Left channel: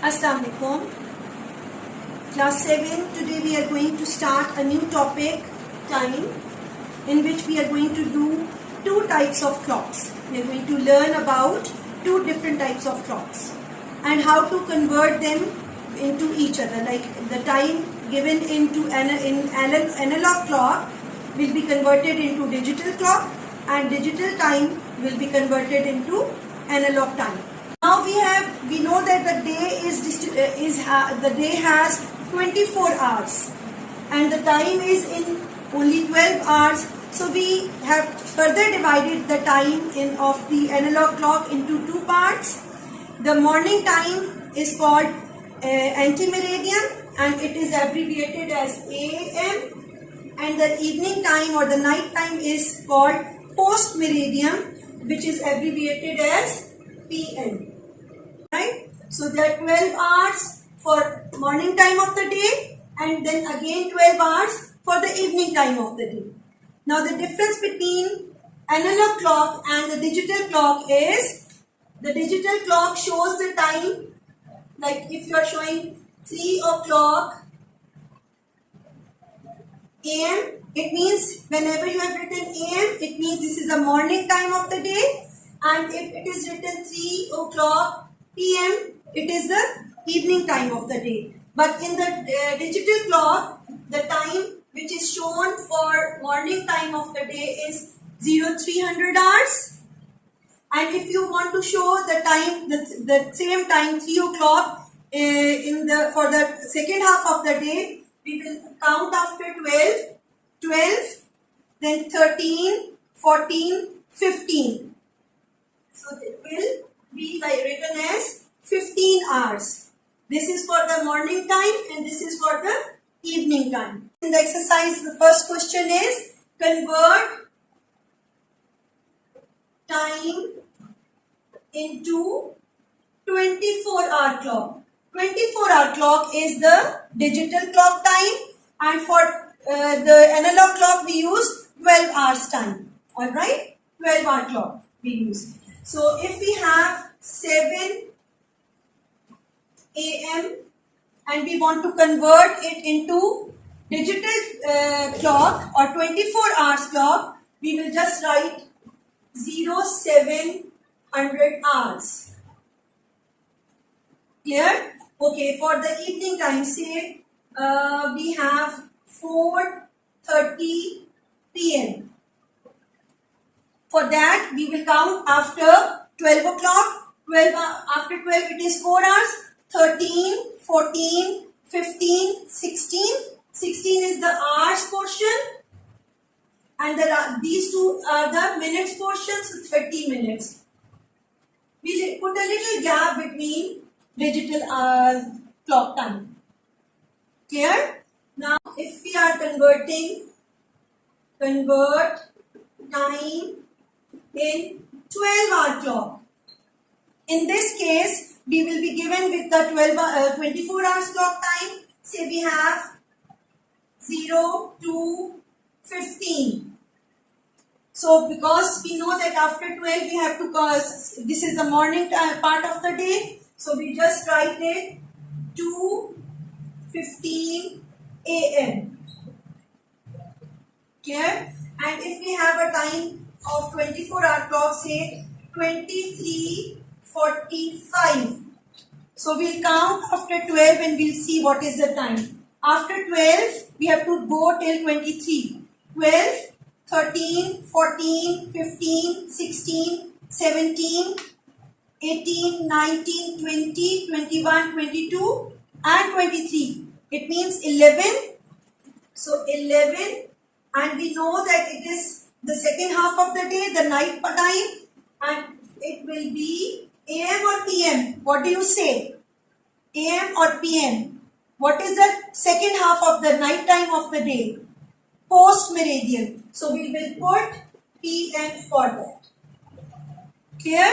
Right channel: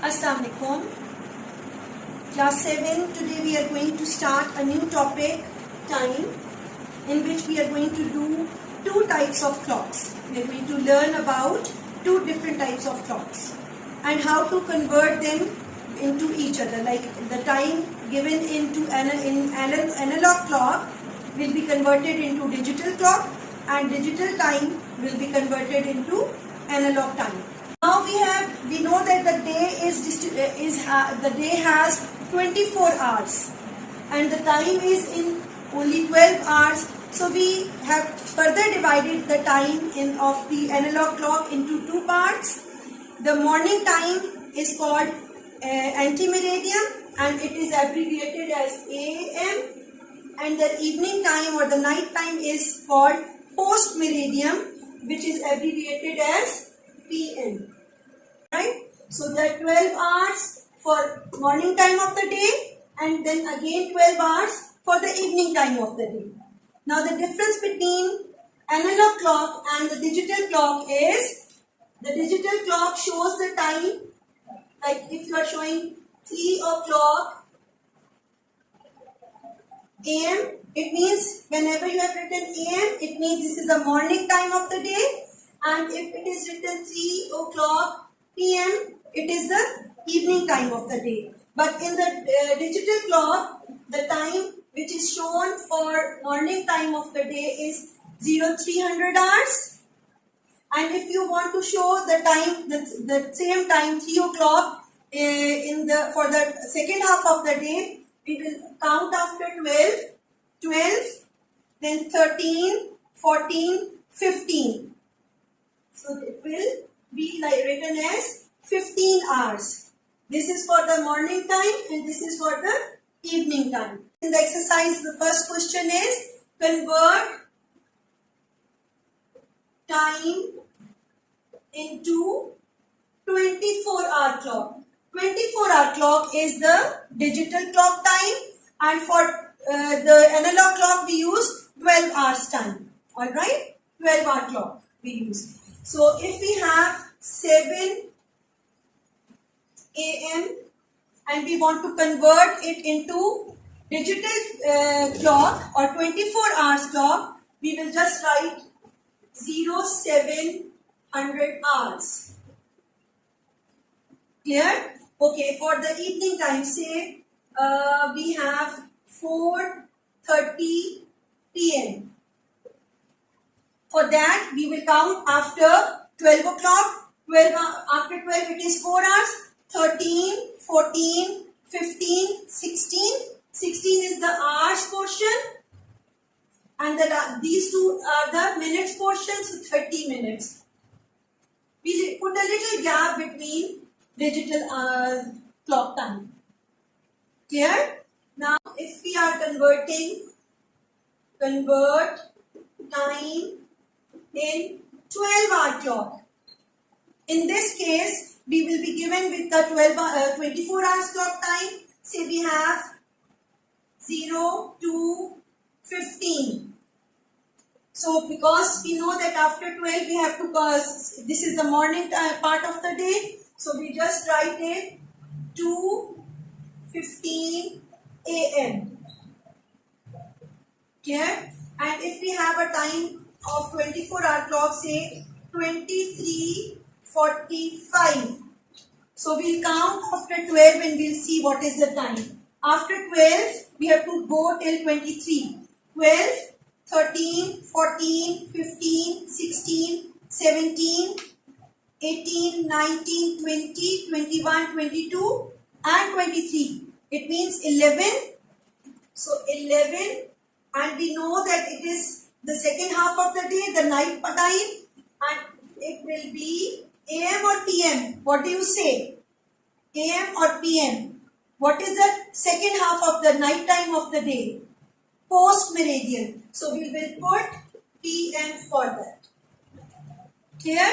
Assalamu alaikum. Class 7, today we are going to start a new topic, time, in which we are going to do two types of clocks. We are going to learn about two different types of clocks and how to convert them into each other. Like the time given into analog clock will be converted into digital clock, and digital time will be converted into analog time. Now we know that the day has 24 hours and the time is in only 12 hours. So we have further divided the time of the analog clock into two parts. The morning time is called anti-meridian and it is abbreviated as AM, and the evening time or the night time is called post-meridian, which is abbreviated as PM. Right? So there are 12 hours for morning time of the day and then again 12 hours for the evening time of the day. Now the difference between analog clock and the digital clock is the digital clock shows the time, like if you are showing 3 o'clock AM, it means whenever you have written AM, it means this is the morning time of the day, and if it is written 3 o'clock PM, it is the evening time of the day. But in the digital clock, the time which is shown for morning time of the day is 0300 hours. And if you want to show the time, the same time 3 o'clock for the second half of the day, we will count after 12, then 13, 14, 15. So it will be like written as 15 hours. This is for the morning time and this is for the evening time. In the exercise, the first question is convert time into 24-hour clock. 24-hour clock is the digital clock time, and for the analog clock we use 12 hours time. Alright, 12-hour clock we use. So if we have 7 AM and we want to convert it into digital clock or 24 hours clock, we will just write 0700 hours. Clear? Okay, for the evening time, say we have 4:30 PM. For that, we will count after 12 o'clock. After 12, it is 4 hours. 13, 14, 15, 16. 16 is the hours portion. And these two are the minutes portion, so 30 minutes. We put a little gap between digital clock time. Clear? Now, if we are convert time in 12-hour clock. In this case, we will be given with the 24 hours clock time. Say we have 0 to 15. So because we know that after 12 we have to, this is the morning part of the day. So we just write it 2:15 AM. Clear? And if we have a time of 24-hour clock, say 23:45. So we'll count after 12 and we'll see what is the time. After 12, we have to go till 23. 12, 13, 14, 15, 16, 17, 18, 19, 20, 21, 22 and 23. It means 11. So 11, and we know that it is the second half of the day, the night time, and it will be AM or PM. What do you say? AM or PM? What is the second half of the night time of the day? Post meridian. So we will put PM for that. Clear?